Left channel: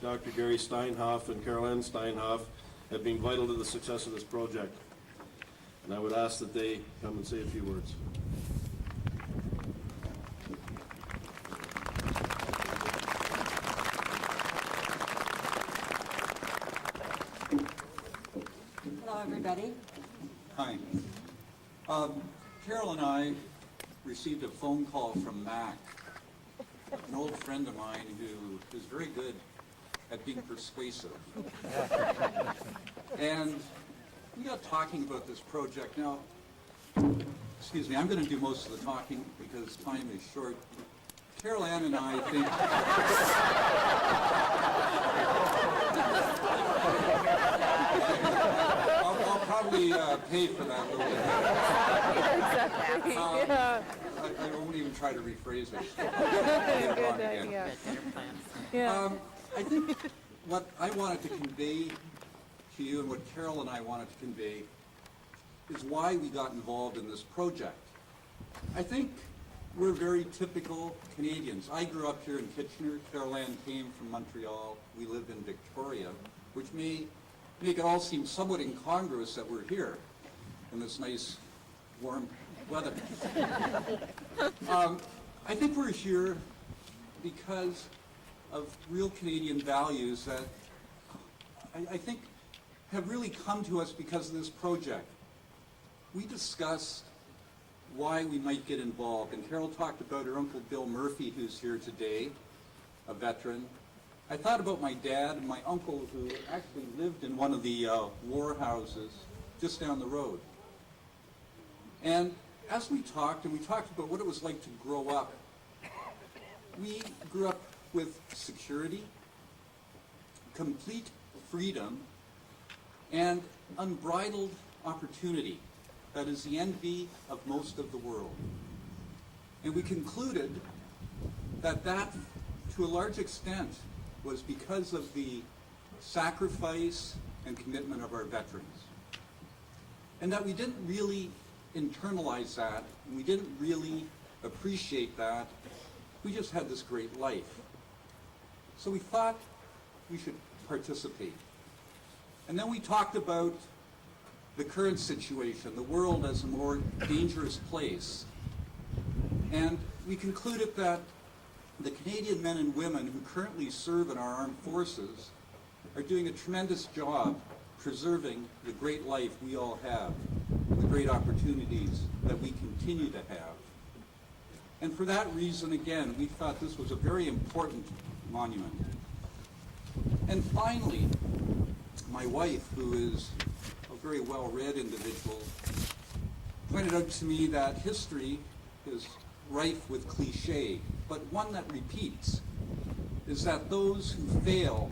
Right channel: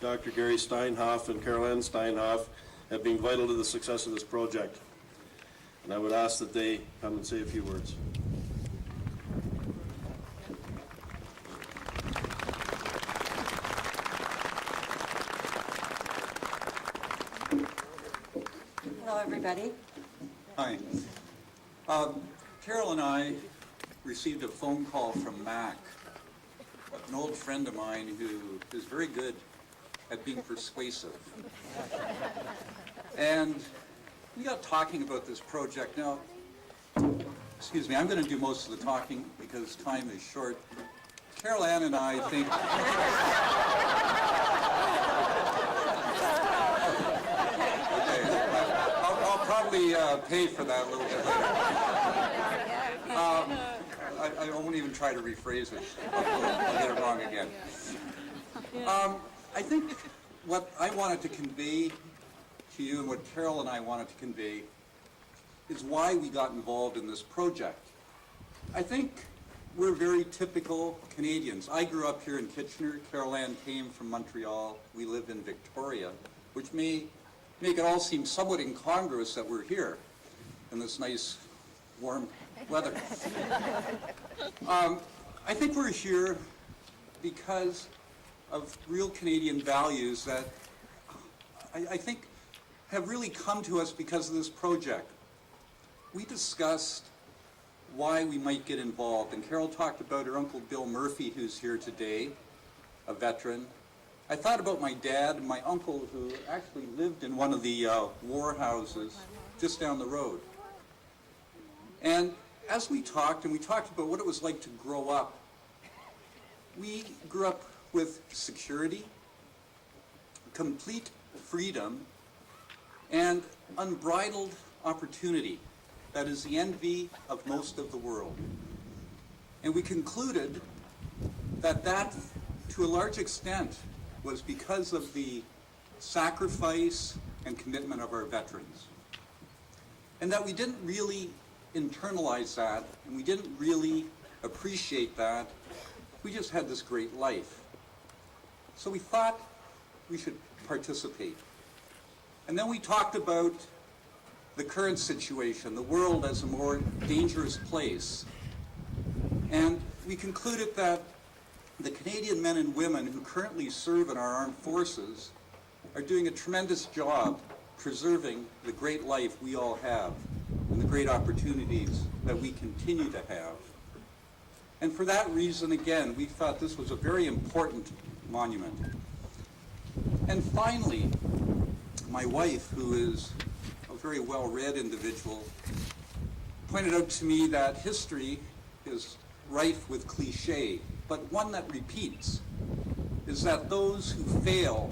Dr. Gary Steinhoff and Carol Ann Steinhoff have been vital to the success of this project. And I would ask that they come and say a few words. Hello, everybody. Hi. Carol and I received a phone call from Mac, an old friend of mine who is very good at being persuasive. And we got talking about this project. Now, excuse me, I'm going to do most of the talking because time is short. Carol Ann and I think... I'll probably pay for that a little bit. I won't even try to rephrase it. I'll get it wrong again. I think what I wanted to convey to you and what Carol and I wanted to convey is why we got involved in this project. I think we're very typical Canadians. I grew up here in Kitchener. Carol Ann came from Montreal. We live in Victoria, which may make it all seem somewhat incongruous that we're here in this nice, warm weather. I think we're here because of real Canadian values that I think have really come to us because of this project. We discussed why we might get involved, and Carol talked about her Uncle Bill Murphy, who's here today, a veteran. I thought about my dad and my uncle, who actually lived in one of the war houses just down the road. And as we talked, and we talked about what it was like to grow up, we grew up with security, complete freedom, and unbridled opportunity that is the envy of most of the world. And we concluded that to a large extent, was because of the sacrifice and commitment of our veterans. And that we didn't really internalize that, and we didn't really appreciate that. We just had this great life. So we thought we should participate. And then we talked about the current situation, the world as a more dangerous place. And we concluded that the Canadian men and women who currently serve in our armed forces are doing a tremendous job preserving the great life we all have and the great opportunities that we continue to have. And for that reason, again, we thought this was a very important monument. And finally, my wife, who is a very well-read individual, pointed out to me that history is rife with cliché, but one that repeats is that those who fail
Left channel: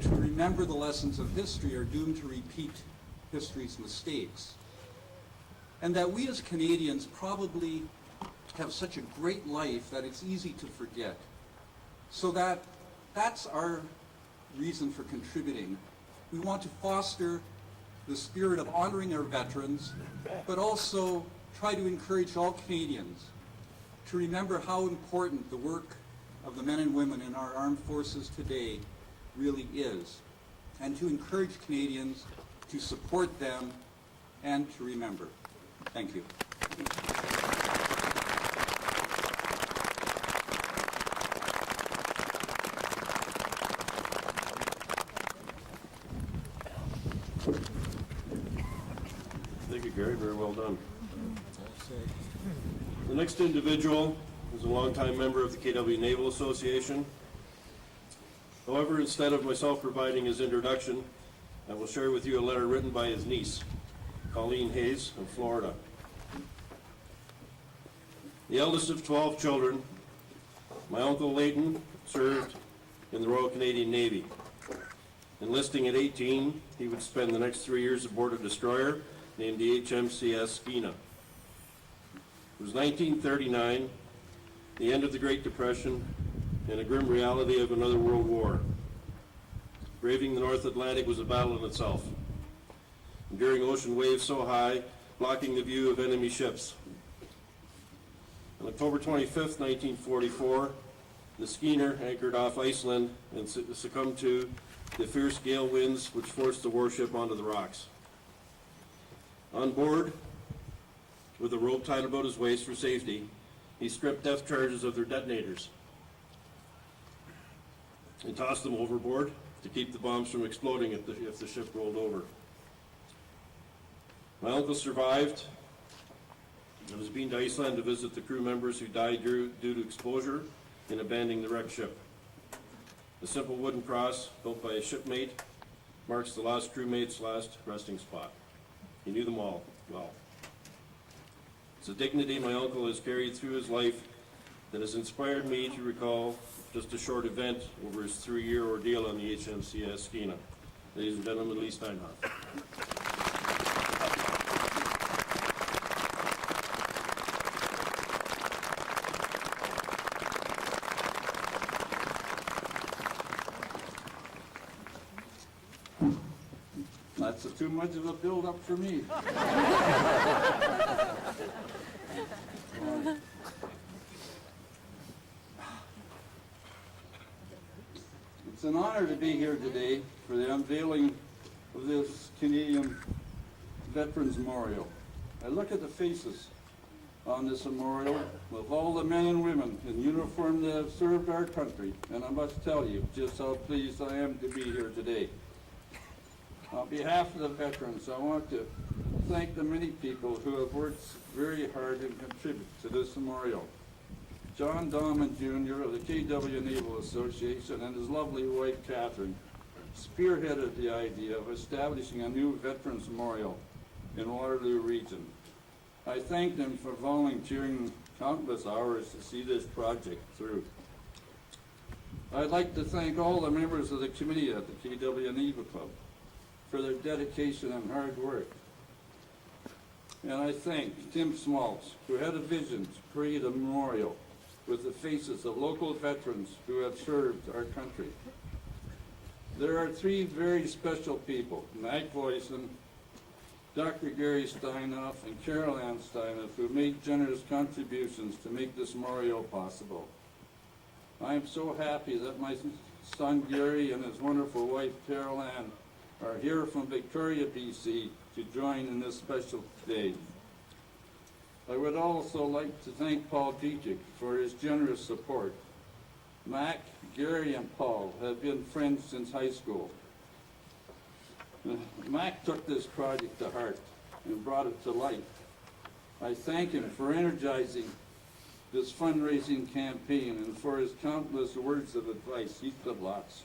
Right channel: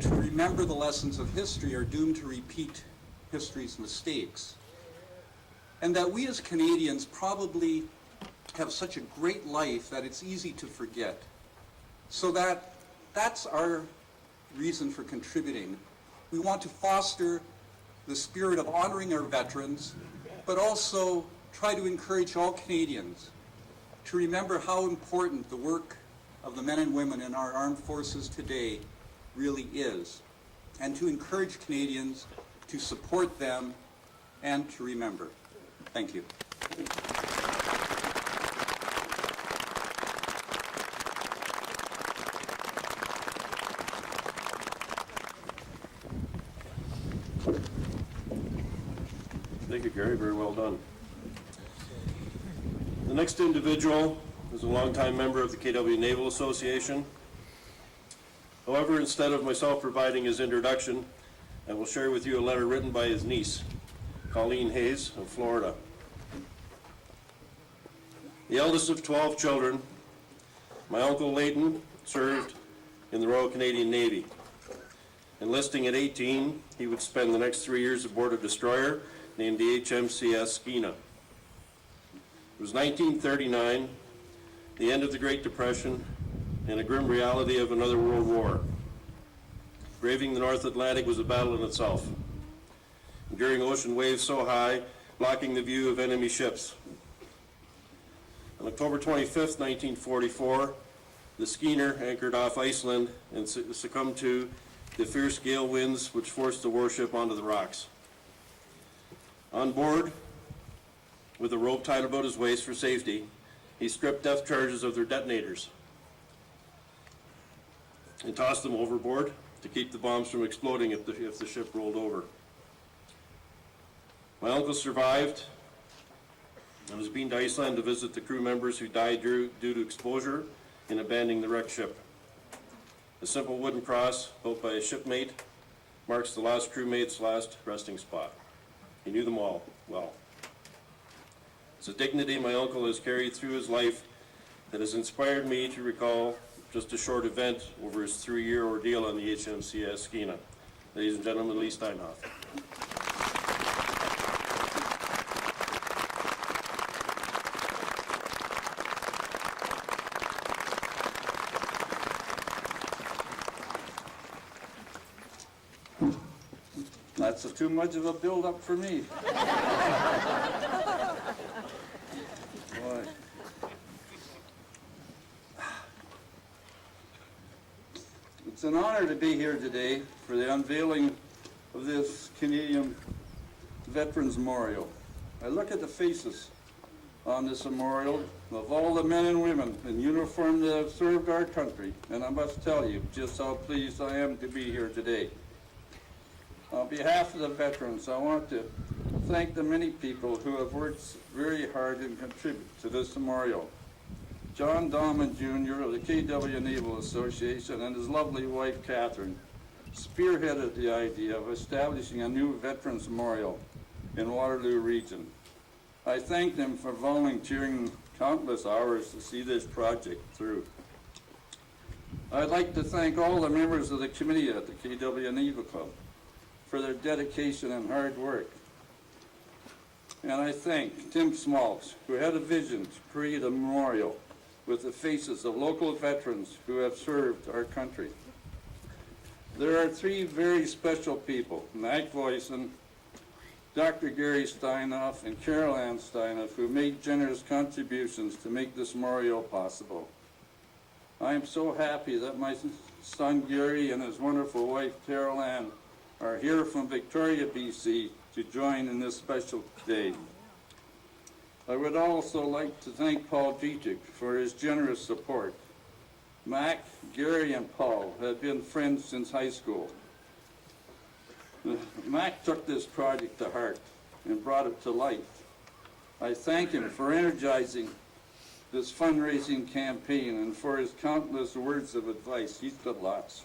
to remember the lessons of history are doomed to repeat history's mistakes. And that we as Canadians probably have such a great life that it's easy to forget. So that's our reason for contributing. We want to foster the spirit of honoring our veterans, but also try to encourage all Canadians to remember how important the work of the men and women in our armed forces today really is, and to encourage Canadians to support them and to remember. Thank you. Thank you, Gary. Very well done. The next individual is a longtime member of the KW Naval Association. However, instead of myself providing his introduction, I will share with you a letter written by his niece, Colleen Hayes of Florida. The eldest of 12 children, my Uncle Leighton served in the Royal Canadian Navy. Enlisting at 18, he would spend the next 3 years aboard a destroyer named the HMCS Skeena. It was 1939, the end of the Great Depression, and a grim reality of another world war. Braving the North Atlantic was a battle in itself, enduring ocean waves so high, blocking the view of enemy ships. On October 25th, 1944, the Skeena anchored off Iceland and succumbed to the fierce gale winds which forced the warship onto the rocks. On board, with a rope tied about his waist for safety, he stripped depth charges of their detonators and tossed them overboard to keep the bombs from exploding if the ship rolled over. My uncle survived and was beamed to Iceland to visit the crew members who died due to exposure in abandoning the wrecked ship. A simple wooden cross built by a shipmate marks the last crewmate's last resting spot. He knew them all well. It's a dignity my uncle has carried through his life that has inspired me to recall just a short event over his 3-year ordeal on the HMCS Skeena. Ladies and gentlemen, Lee Steinhoff. That's too much of a build-up for me. Boy. It's an honor to be here today for the unveiling of this Canadian Veterans Memorial. I look at the faces on this memorial of all the men and women in uniform that have served our country, and I must tell you just how pleased I am to be here today. On behalf of the veterans, I want to thank the many people who have worked very hard and contribute to this memorial. John Dahman Jr. of the KW Naval Association and his lovely wife, Catherine, spearheaded the idea of establishing a new Veterans Memorial in Waterloo region. I thank them for volunteering countless hours to see this project through. I'd like to thank all the members of the committee at the KW Naval Club for their dedication and hard work. And I thank Tim Smaltz, who had a vision to create a memorial with the faces of local veterans who have served our country. There are 3 very special people, Mac Voisin, Dr. Gary Steinhoff, and Carol Ann Steinhoff, who made generous contributions to make this memorial possible. I am so happy that my son Gary and his wonderful wife Carol Ann are here from Victoria, BC to join in this special day. I would also like to thank Paul Dietrich for his generous support. Mac, Gary, and Paul have been friends since high school. Mac took this project to heart and brought it to life. I thank him for energizing this fundraising campaign and for his countless words of advice. He's got lots.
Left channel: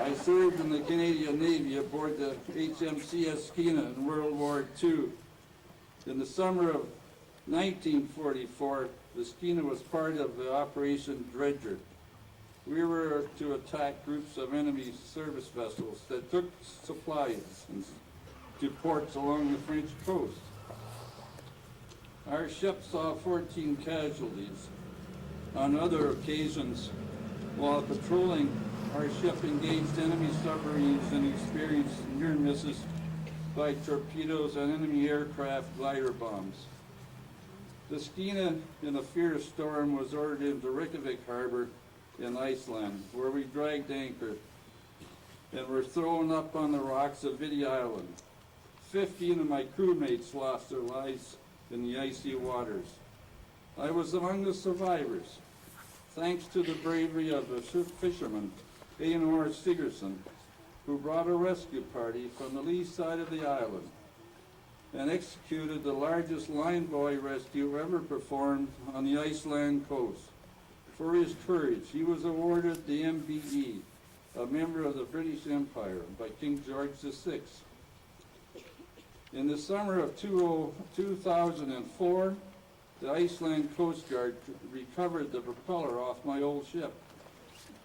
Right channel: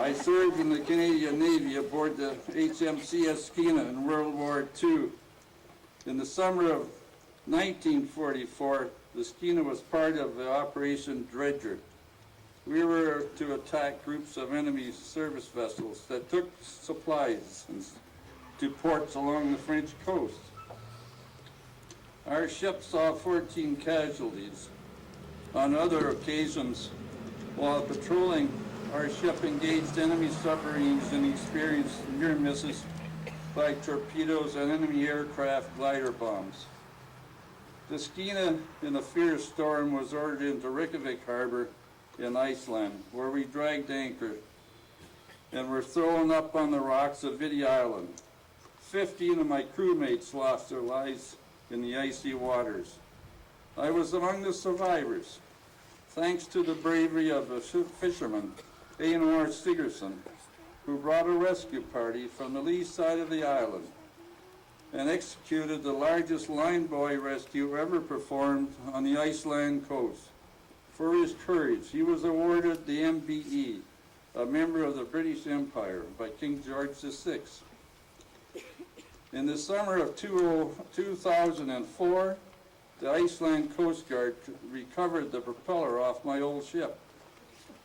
I served in the Canadian Navy aboard the HMCS Skeena in World War II. In the summer of 1944, the Skeena was part of the Operation Dredger. We were to attack groups of enemy service vessels that took supplies to ports along the French coast. Our ship saw 14 casualties. On other occasions, while patrolling, our ship engaged enemy submarines and experienced near misses by torpedoes and enemy aircraft glider bombs. The Skeena, in a fierce storm, was ordered into Reykjavik Harbor in Iceland, where we dragged anchor and were thrown up on the rocks of Viti Island. 15 of my crewmates lost their lives in the icy waters. I was among the survivors, thanks to the bravery of a fisherman, Einar Stigerson, who brought a rescue party from the lee side of the island and executed the largest line buoy rescue ever performed on the Iceland coast. For his courage, he was awarded the MBE, a member of the British Empire, by King George VI. In the summer of 2004, the Iceland Coast Guard recovered the propeller off my old ship.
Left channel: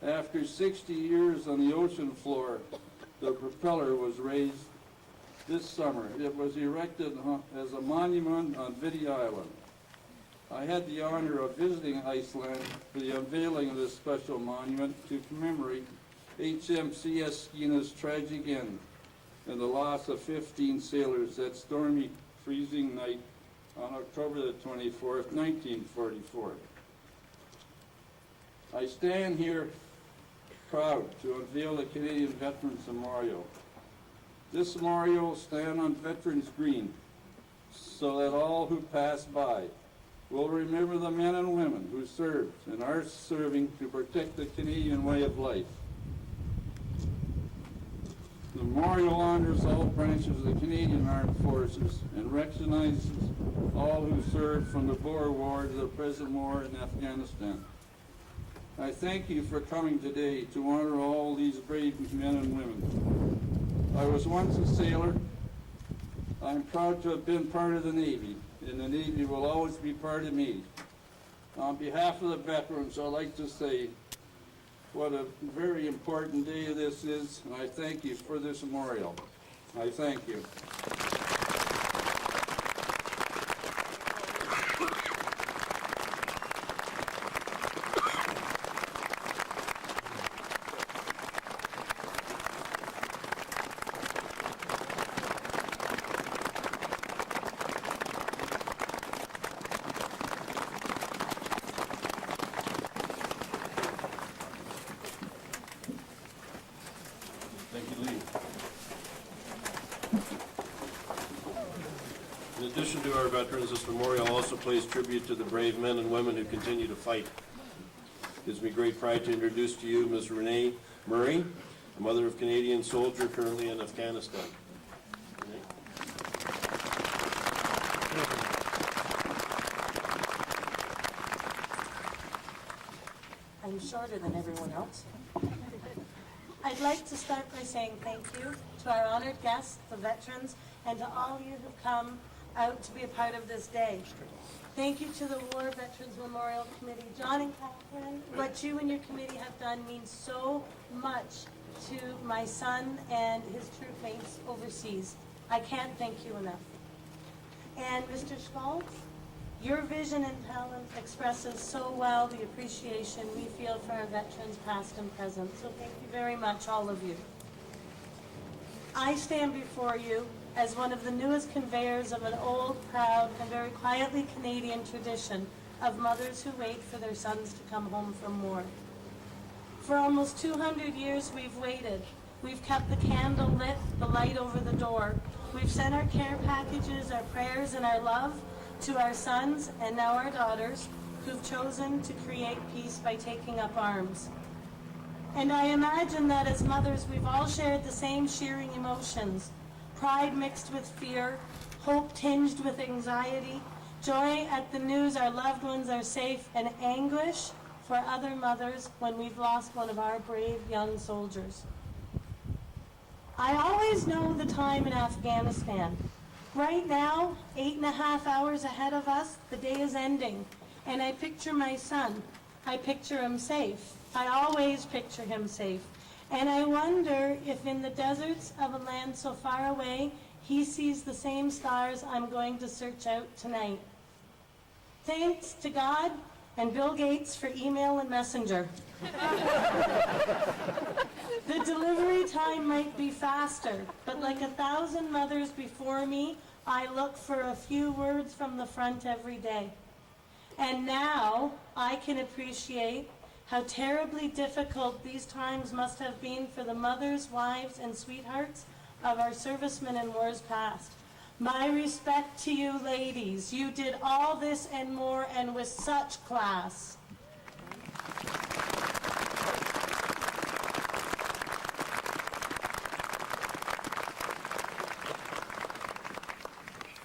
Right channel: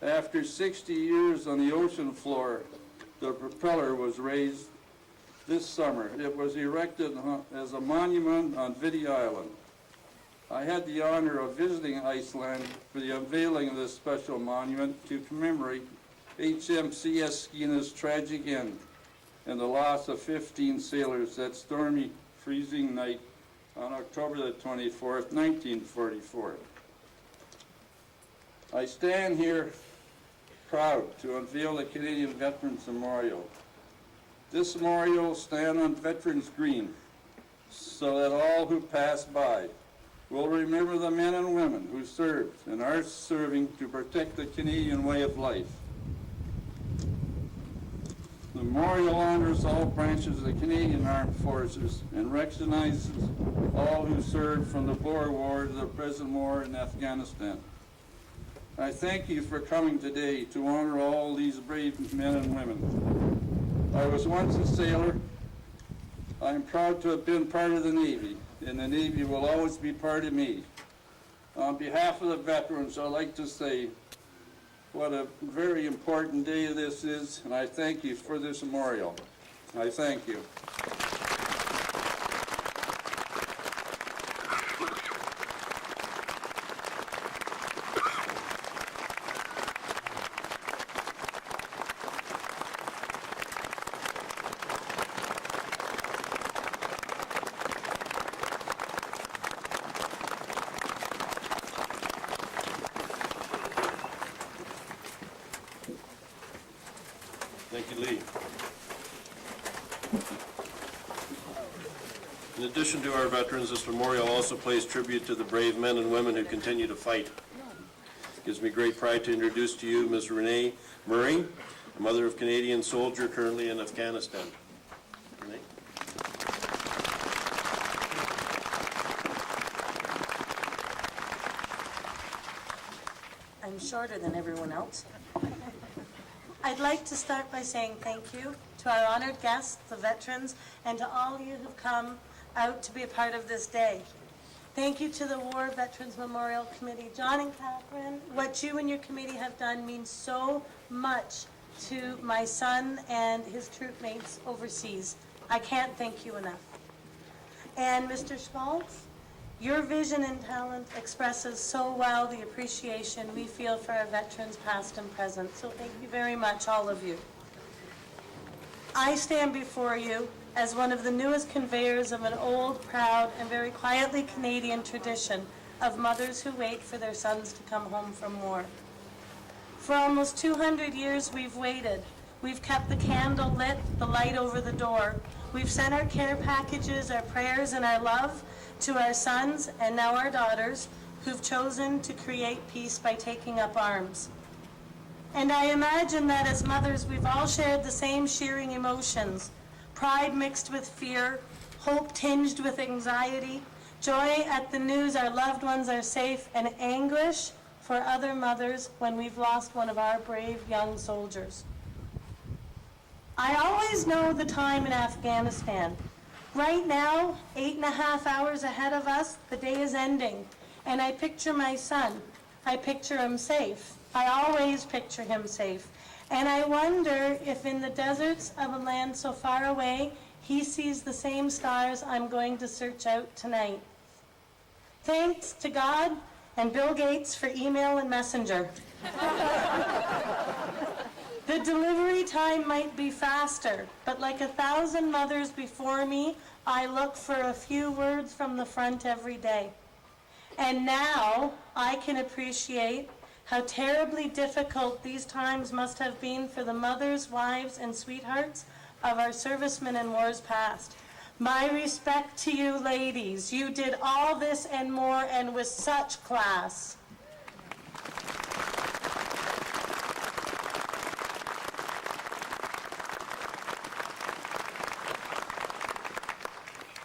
After 60 years on the ocean floor, the propeller was raised this summer. It was erected as a monument on Viti Island. I had the honor of visiting Iceland for the unveiling of this special monument to commemorate HMCS Skeena's tragic end and the loss of 15 sailors that stormy, freezing night on October the 24th, 1944. I stand here proud to unveil the Canadian Veterans Memorial. This memorial will stand on Veterans Green so that all who pass by will remember the men and women who served and are serving to protect the Canadian way of life. The memorial honors all branches of the Canadian Armed Forces and recognizes all who served from the Boer War to the present war in Afghanistan. I thank you for coming today to honor all these brave men and women. I was once a sailor. I'm proud to have been part of the Navy, and the Navy will always be part of me. On behalf of the veterans, I'd like to say what a very important day this is, and I thank you for this memorial. I thank you. Thank you, Lee. In addition to our veterans, this memorial also pays tribute to the brave men and women who continue to fight. It gives me great pride to introduce to you Ms. Renee Murray, a mother of Canadian soldier currently in Afghanistan. Renee? I'm shorter than everyone else. I'd like to start by saying thank you to our honored guests, the veterans, and to all you who've come out to be a part of this day. Thank you to the War Veterans Memorial Committee. John and Catherine, what you and your committee have done means so much to my son and his troop mates overseas. I can't thank you enough. And Mr. Schmaltz, your vision and talent expresses so well the appreciation we feel for our veterans past and present. So thank you very much, all of you. I stand before you as one of the newest conveyors of an old, proud, and very quietly Canadian tradition of mothers who wait for their sons to come home from war. For almost 200 years we've waited. We've kept the candle lit, the light over the door. We've sent our care packages, our prayers, and our love to our sons and now our daughters who've chosen to create peace by taking up arms. And I imagine that as mothers, we've all shared the same shearing emotions: pride mixed with fear, hope tinged with anxiety, joy at the news our loved ones are safe, and anguish for other mothers when we've lost one of our brave young soldiers. I always know the time in Afghanistan. Right now, 8.5 hours ahead of us, the day is ending, and I picture my son. I picture him safe. I always picture him safe. And I wonder if in the deserts of a land so far away, he sees the same stars I'm going to search out tonight. Thanks to God and Bill Gates for email and messenger. The delivery time might be faster, but like 1,000 mothers before me, I look for a few words from the front every day. And now I can appreciate how terribly difficult these times must have been for the mothers, wives, and sweethearts of our servicemen in wars past. My respect to you ladies. You did all this and more, and with such class.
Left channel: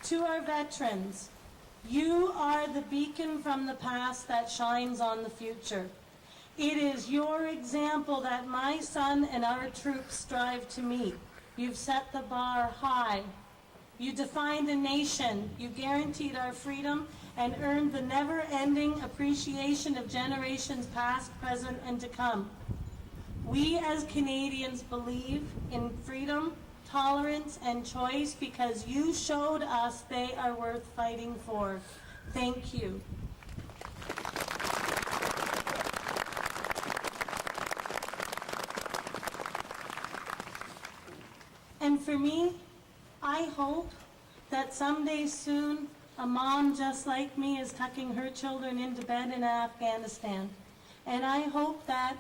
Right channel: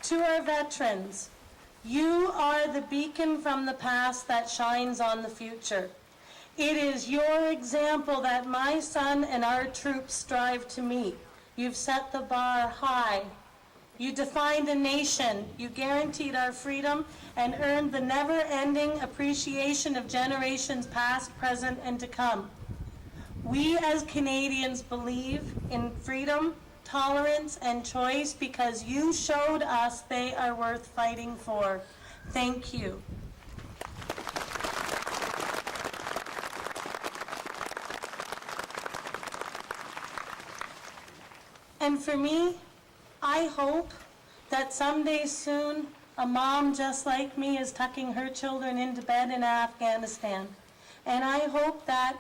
To our veterans, you are the beacon from the past that shines on the future. It is your example that my son and our troops strive to meet. You've set the bar high. You defined a nation. You guaranteed our freedom and earned the never-ending appreciation of generations past, present, and to come. We as Canadians believe in freedom, tolerance, and choice because you showed us they are worth fighting for. Thank you. And for me, I hope that someday soon a mom just like me is tucking her children into bed in Afghanistan. And I hope that